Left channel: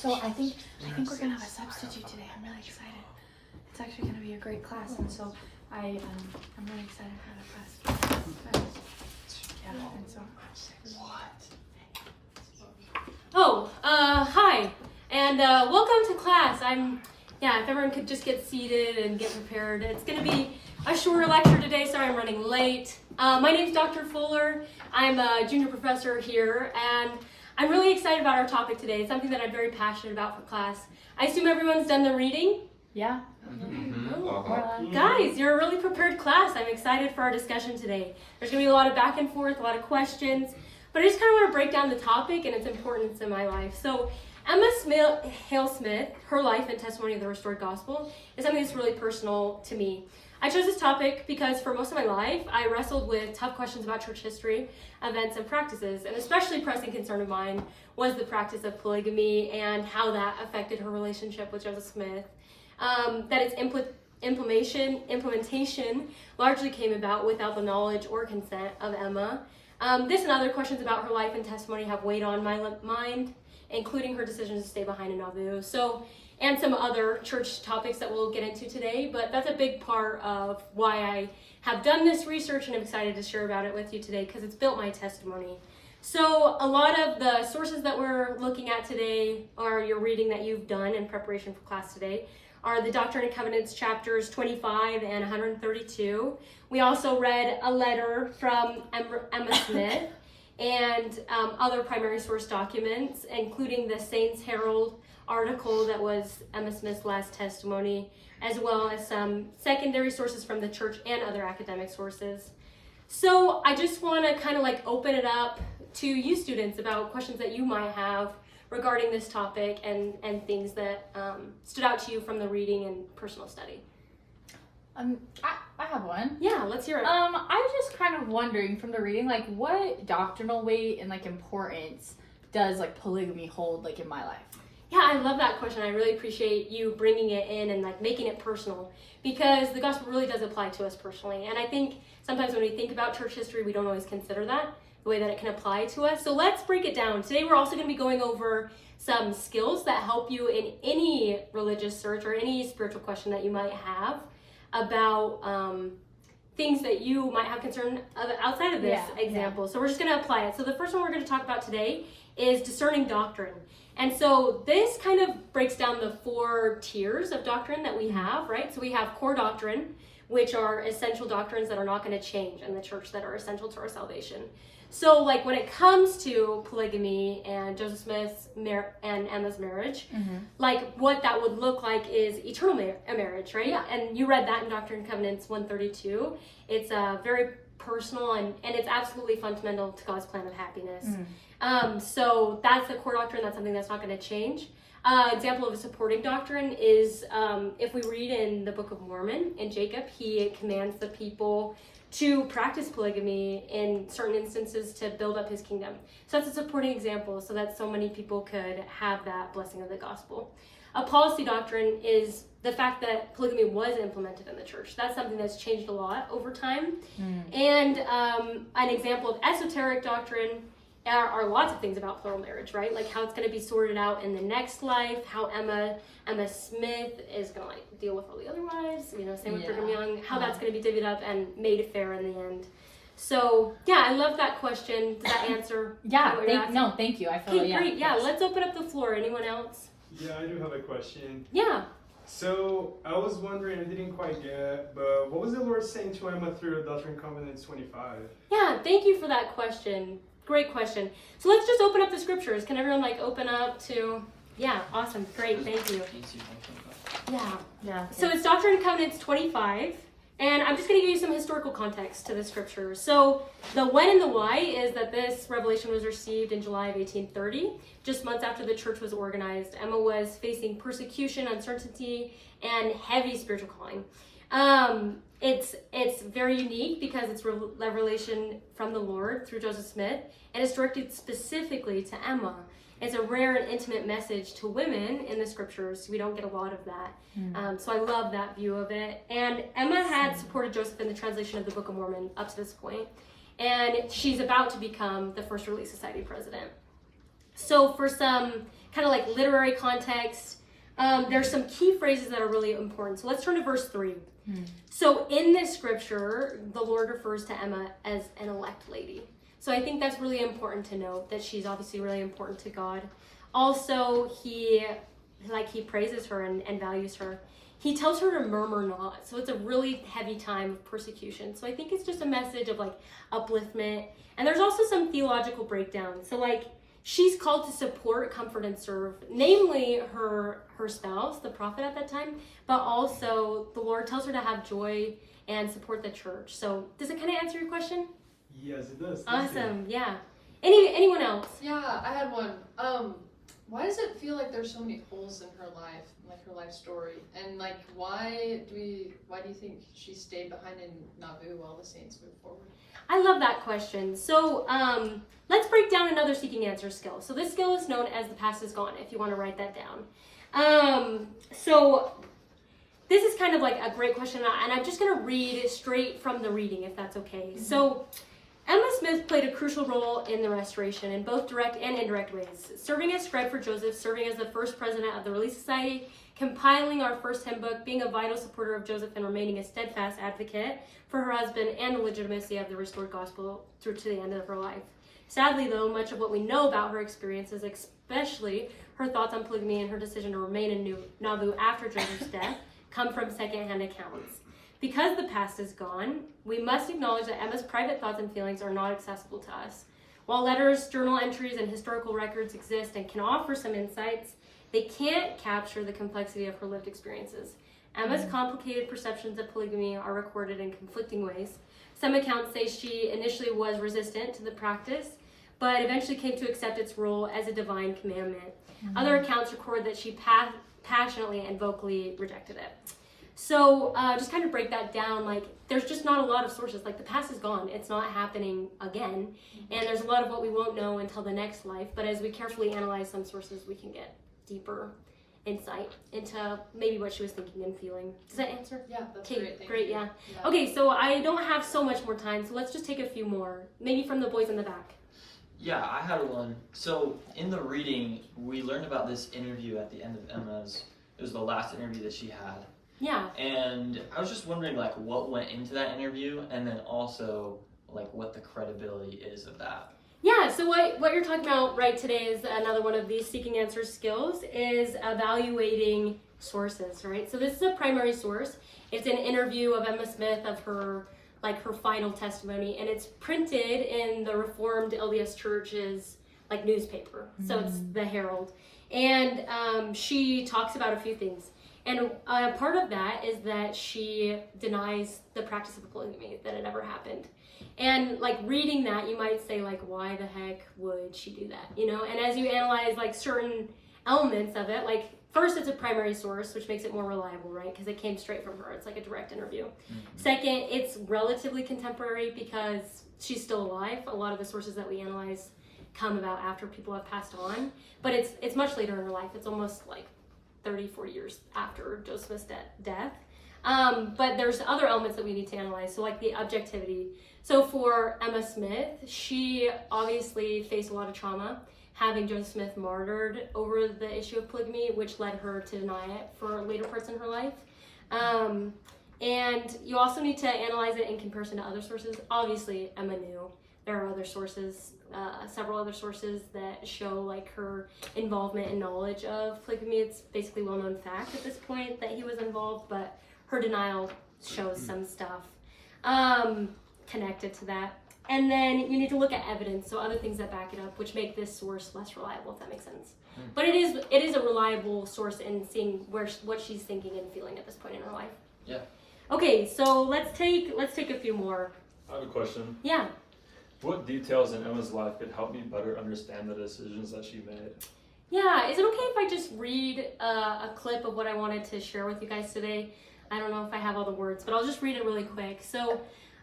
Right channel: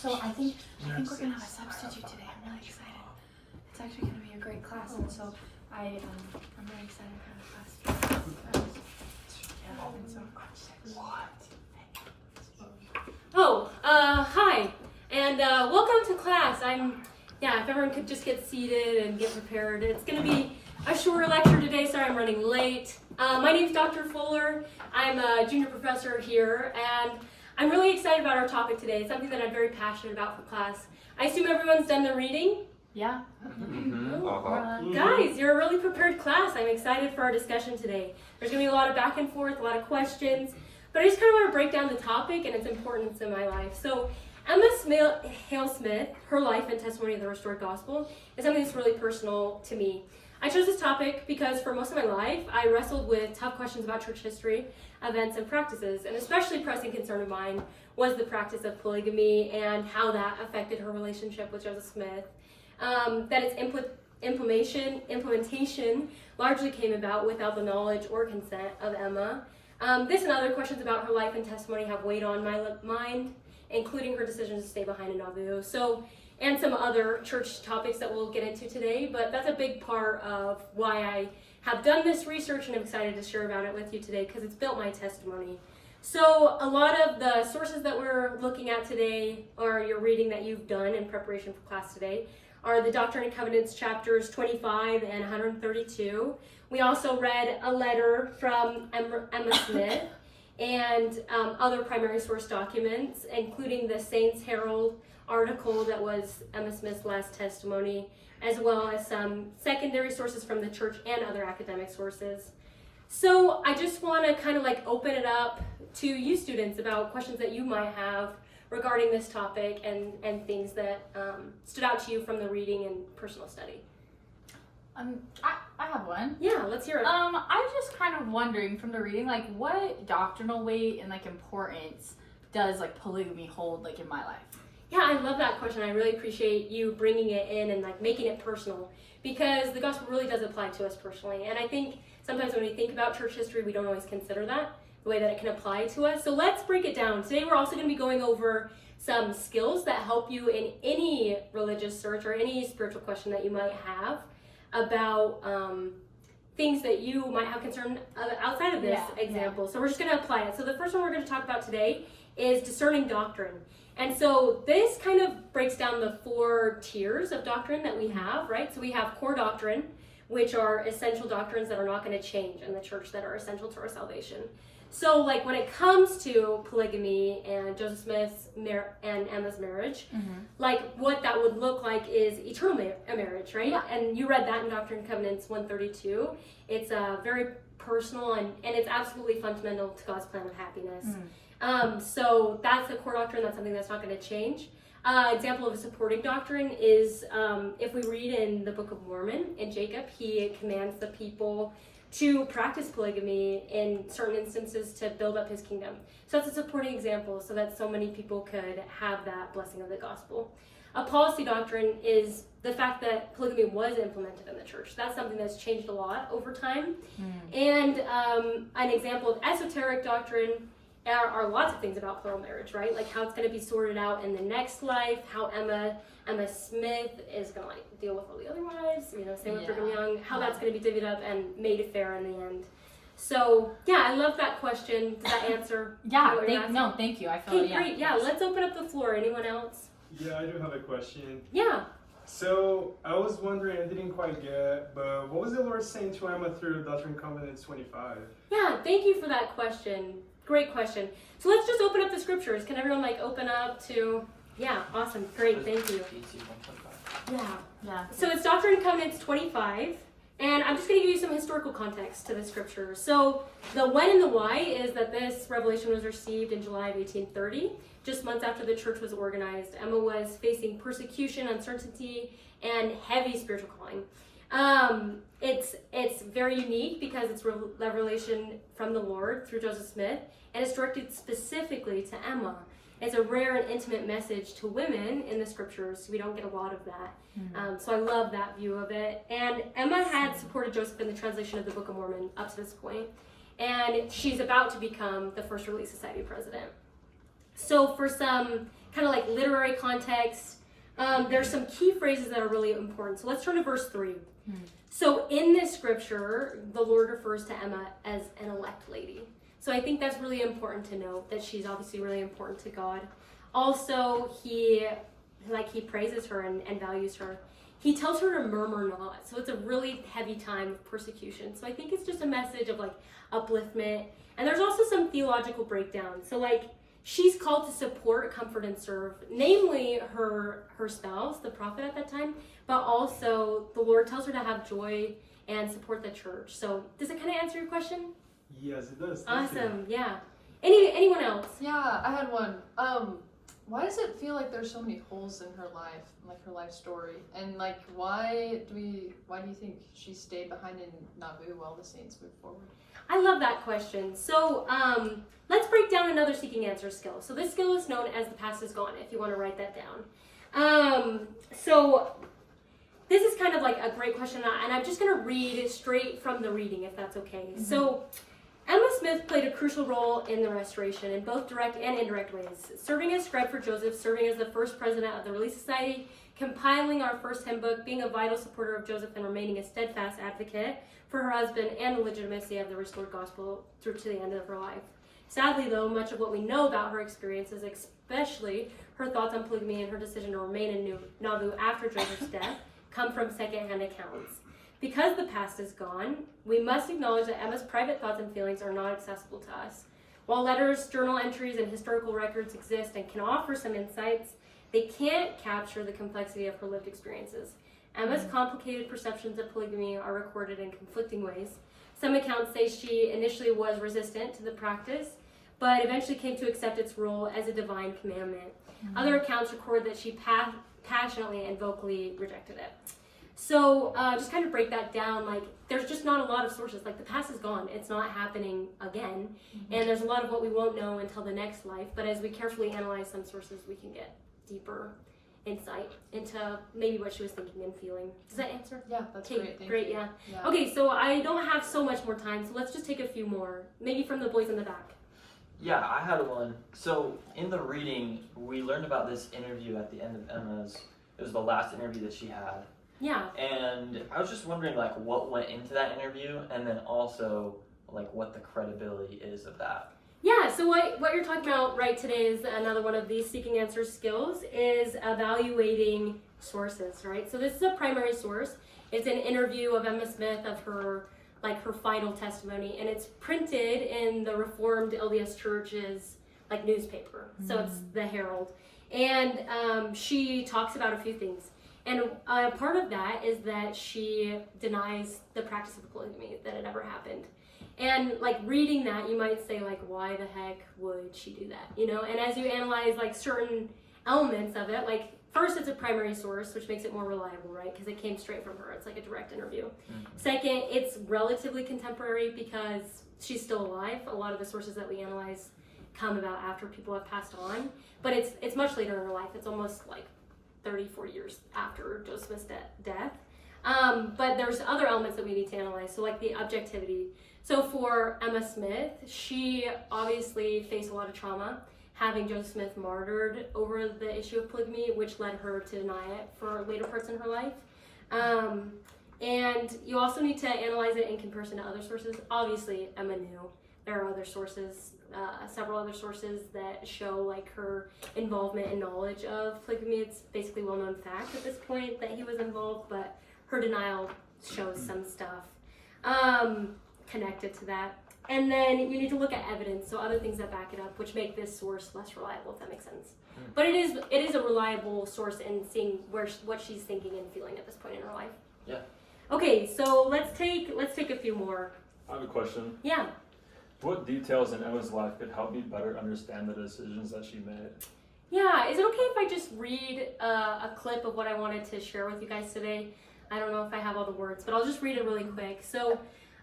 So I think we're gonna have a substitute today. I'm really excited. It's actually gonna be a great class, and so I'm really excited for the class. Hi, and welcome to class. If everyone could just get seated and get prepared. It's gonna be a shorter lecture today. Sorry, I'm running late. My name's Dr. Fuller. I'm a junior professor here, and I'm really excited about our topic today. It's something that I'm very passionate about for class. I assume everyone's done their reading? Yeah. Guys, you're a really prepared class. I'm excited for our discussion today. There's going to be a lot of back and forth, a lot of questions, but I just kind of want to break down the topic and its importance in my life. So Emma Hale Smith, her life and testimony of the restored gospel, is something that's really personal to me. I chose this topic because for most of my life, I wrestled with tough questions about church history, events, and practices, and especially pressing concern of mine was the practice of polygamy and how that affected her relationship with Joseph Smith. That its implementation largely came about without the knowledge or consent of Emma. This and other questions about her life and testimony have weighed on my mind, including her decision to stay behind in Nauvoo. And some other church topics that we'll get into today, but that's a big part of why I have done this research and I'm excited to share about it with you today because it's built my testimony. So a lot of the sources that we're looking at today or your reading that you've done in preparation for class today are the Doctrine and Covenants chapters 25 and 132. We also read a letter from Emma Smith and other primary source documents, including the Saints Herald article that was Emma Smith's last testimony, as well as some secondary sources from the church and other academic sources. So I just want to kind of open it up to you students about questions that you might have regarding this topic and things that stood out to you from the reading and personal study. I have one. Yeah, let's hear it. I was just kind of wondering from the reading, what doctrinal weight and importance does polygamy hold in my life? Yeah, I love that question. I really appreciate you bringing it in and making it personal because the gospel really does apply to us personally. And I think sometimes when we think about church history, we don't always consider that, the way that it can apply to us. So let's break it down. Today we're also going to be going over some skills that help you in any religious search or any spiritual question that you might have about things that you might have concern outside of this example. So we're just going to apply it. So the first one we're going to talk about today is discerning doctrine. And so this kind of breaks down the 4 tiers of doctrine that we have, right? So we have core doctrine, which are essential doctrines that are not going to change in the church that are essential to our salvation. So when it comes to polygamy and Joseph Smith's and Emma's marriage, what that would look like is eternal marriage, right? Yeah. And you read that in Doctrine and Covenants 132. It's very personal and it's absolutely fundamental to God's plan of happiness. So that's the core doctrine. That's something that's not going to change. Example of a supporting doctrine is if we read in the Book of Mormon, in Jacob, he commands the people to practice polygamy in certain instances to build up his kingdom. So that's a supporting example so that so many people could have that blessing of the gospel. A policy doctrine is the fact that polygamy was implemented in the church. That's something that's changed a lot over time. And an example of esoteric doctrine are lots of things about plural marriage, right? How it's going to be sorted out in the next life, how Emma Smith is going to deal with all the other wives, same with Brigham Young, how that's going to be divvied up and made fair in the end. So, yeah, I love that question. Does that answer? Thank you. I feel great. Yeah, let's open up the floor. Anyone else? Yeah, I do have a question. Yeah. So, I was wondering, I didn't quite get, but what was the Lord saying to Emma through Doctrine and Covenants 25? Yeah, thank you for that question. Great question. So let's just open up the scriptures. Can everyone open up to, awesome, great, thank you. Yeah. So it's Doctrine and Covenants 25, and I'm just going to give you some historical context to the scriptures. So the when and the why is that this revelation was received in July of 1830, just months after the church was organized. Emma was facing persecution, uncertainty, and heavy spiritual calling. It's very unique because it's revelation from the Lord through Joseph Smith, and it's directed specifically to Emma. It's a rare and intimate message to women in the scriptures. We don't get a lot of that. So I love that view of it. And Emma had supported Joseph in the translation of the Book of Mormon up to this point, and she's about to become the First Relief Society president. So for some kind of like literary context, there's some key phrases that are really important. So let's turn to verse 3. So in this scripture, the Lord refers to Emma as an elect lady. So I think that's really important to note, that she's obviously really important to God. Also, he praises her and values her. He tells her to murmur not. So it's a really heavy time of persecution. So I think it's just a message of like upliftment. And there's also some theological breakdown. So like, she's called to support, comfort, and serve, namely her spouse, the prophet at that time, but also the Lord tells her to have joy and support the church. So does it kind of answer your question? Yes, it does. Thank you. Awesome, yeah. Anyone else? Yeah, I had one. Why does it feel like there's so many holes in her life, like her life story? And like, why do you think she stayed behind in Nauvoo while the saints moved forward? I love that question. So let's break down another seeking answer skill. So this skill is known as the past is gone, if you want to write that down. So this is kind of like a great question, and I'm just going to read straight from the reading, if that's okay. Mm-hmm. So Emma Smith played a crucial role in the restoration in both direct and indirect ways, serving as scribe for Joseph, serving as the first president of the Relief Society, compiling our first hymn book, being a vital supporter of Joseph, and remaining a steadfast advocate for her husband and the legitimacy of the restored gospel through to the end of her life. Sadly, though, much of what we know about her experiences, especially her thoughts on polygamy and her decision to remain in Nauvoo after Joseph's death, come from secondhand accounts. Because the past is gone, we must acknowledge that Emma's private thoughts and feelings are not accessible to us. While letters, journal entries, and historical records exist and can offer some insights, they can't capture the complexity of her lived experiences. Emma's complicated perceptions of polygamy are recorded in conflicting ways. Some accounts say she initially was resistant to the practice, but eventually came to accept its role as a divine commandment. Other accounts record that she passionately and vocally rejected it. So just kind of break that down, like there's just not a lot of sources. Like the past is gone, it's not happening again, and there's a lot of what we won't know until the next life. But as we carefully analyze some sources, we can get deeper insight into maybe what she was thinking and feeling. Does that answer? Yeah, that's okay, great. Great, yeah. Okay, so I don't have so much more time, so let's just take a few more, maybe from the boys in the back. Yeah, I had one. So in the reading, we learned about this interview at the end of Emma's. It was the last interview that she had. Yeah. And I was just wondering, like, what went into that interview, and then also, like, what the credibility is of that. Yeah, so what you're talking about right today is another one of these seeking answers skills, is evaluating sources, right? So this is a primary source. It's an interview of Emma Smith of her final testimony, and it's printed in the Reformed LDS Church's newspaper. So it's the Herald. And she talks about a few things. And part of that is that she denies the practice of polygamy, that it ever happened. And reading that, you might say why the heck would she do that? You know, and as you analyze certain elements of it, first it's a primary source, which makes it more reliable, right? Because it came straight from her. It's like a direct interview. Mm-hmm. Second, it's relatively contemporary because she's still alive. A lot of the sources that we analyze come about after people have passed on, but it's much later in her life. It's almost 34 years after Joseph's death. But there's other elements that we need to analyze, so the objectivity. So for Emma Smith, she obviously faced a lot of trauma, having Joseph Smith martyred over the issue of polygamy, which led her to deny it for later parts in her life. And you also need to analyze it in comparison to other sources. Obviously, Emma knew. There are other sources, several other sources that show her involvement and knowledge of polygamy. It's basically well-known fact at this point that he was involved, but her denial shows some stuff connected to that. And then you need to look at evidence, so other things that back it up, which make this source less reliable, if that makes sense. But it is a reliable source in seeing what she's thinking and feeling at this point in her life. Yeah. Okay, so let's take a few more. I have a question. Yeah. What details in Emma's life could help me better understand the decisions that she made? Yeah, is it okay if I just read a clip of what I wanted to share with you guys today? I don't know if I have all the words, but I'll just read it really quick. So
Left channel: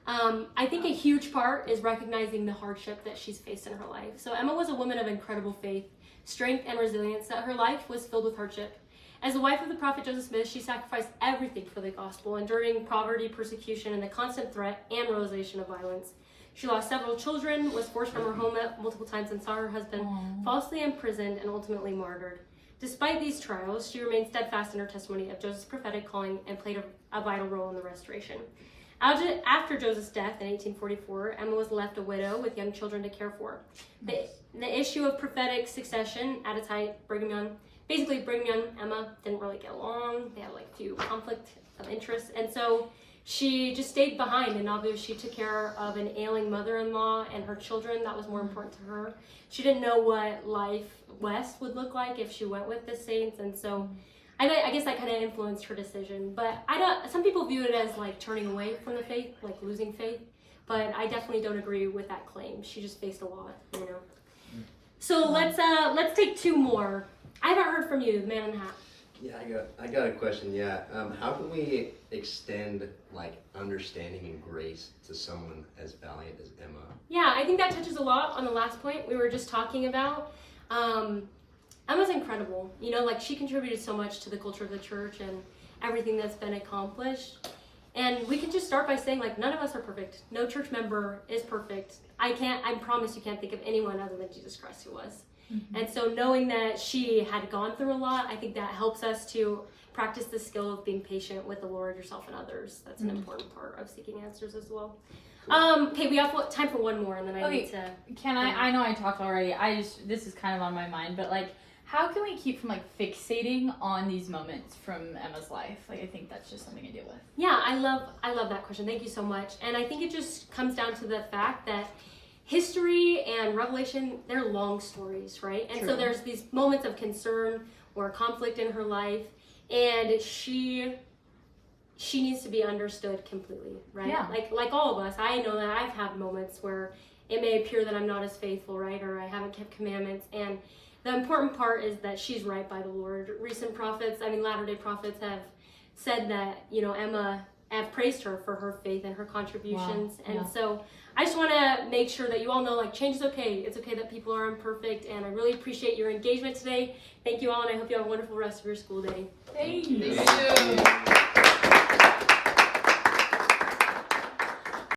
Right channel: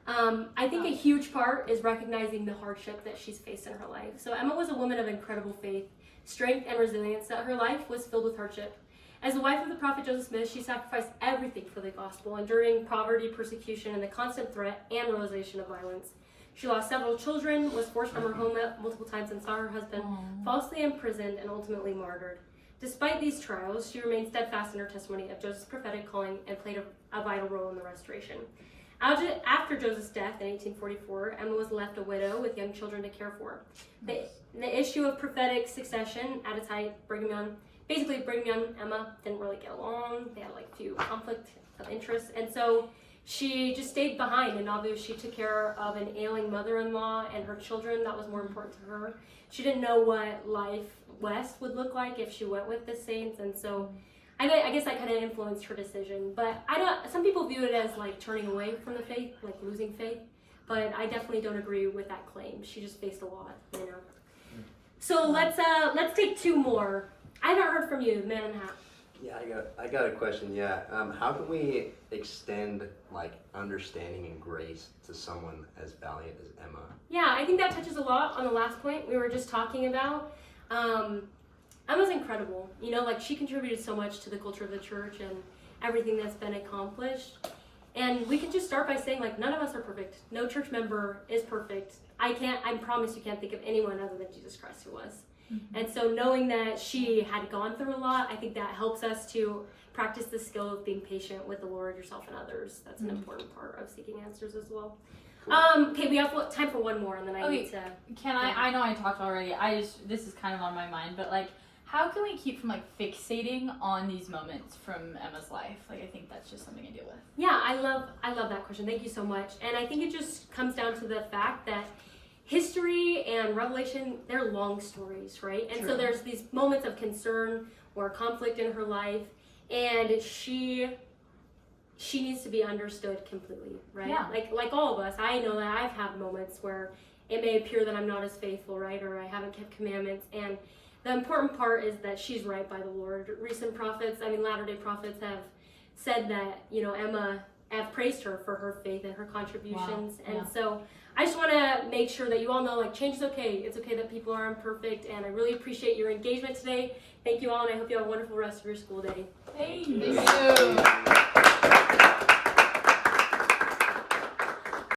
I think a huge part is recognizing the hardship that she's faced in her life. So Emma was a woman of incredible faith, strength, and resilience, that her life was filled with hardship. As the wife of the prophet Joseph Smith, she sacrificed everything for the gospel, enduring poverty, persecution, and the constant threat and realization of violence. She lost several children, was forced from her home multiple times, and saw her husband falsely imprisoned and ultimately martyred. Despite these trials, she remained steadfast in her testimony of Joseph's prophetic calling and played a vital role in the restoration. After Joseph's death in 1844, Emma was left a widow with young children to care for. The issue of prophetic succession at its height, Brigham Young and Emma didn't really get along. They had like few conflict of interest, and so she just stayed behind. And obviously, she took care of an ailing mother-in-law and her children. That was more important to her. She didn't know what life west would look like if she went with the saints, and so I guess that kind of influenced her decision. But some people view it as like turning away from the faith, like losing faith. But I definitely don't agree with that claim. She just faced a lot, you know. So let's take two more. I haven't heard from you, the man in the hat. Yeah, I got a question. Yeah, how can we extend like understanding and grace to someone as valiant as Emma? Yeah, I think that touches a lot on the last point we were just talking about. Emma's incredible. You know, like she contributed so much to the culture of the church and everything that's been accomplished. And we can just start by saying, like, none of us are perfect. No church member is perfect. I promise you can't think of anyone other than Jesus Christ who was. Mm-hmm. And so knowing that she had gone through a lot, I think that helps us to practice the skill of being patient with the Lord, yourself, and others. That's an important part of seeking answers as well. Okay, we have time for one more, and then I need to... I know I talked already. This is kind of on my mind, but like, how can we keep from like fixating on these moments from Emma's life? Like, I think that's just something I deal with. Yeah, I love that question. Thank you so much. And I think it just comes down to the fact that history and Revelation, they're long stories, right? And True. so there's these moments of concern or conflict in her life, and she needs to be understood completely, right? Yeah. Like all of us, I know that I've had moments where it may appear that I'm not as faithful, right? Or I haven't kept commandments, and the important part is that she's right by the Lord. Recent prophets, Latter-day prophets have said that, you know, Emma have praised her for her faith and her contributions. Wow. And so I just want to make sure that you all know, like, change is okay. It's okay that people are imperfect, and I really appreciate your engagement today. Thank you all, and I hope you have a wonderful rest of your school day. Thank you. Thank you.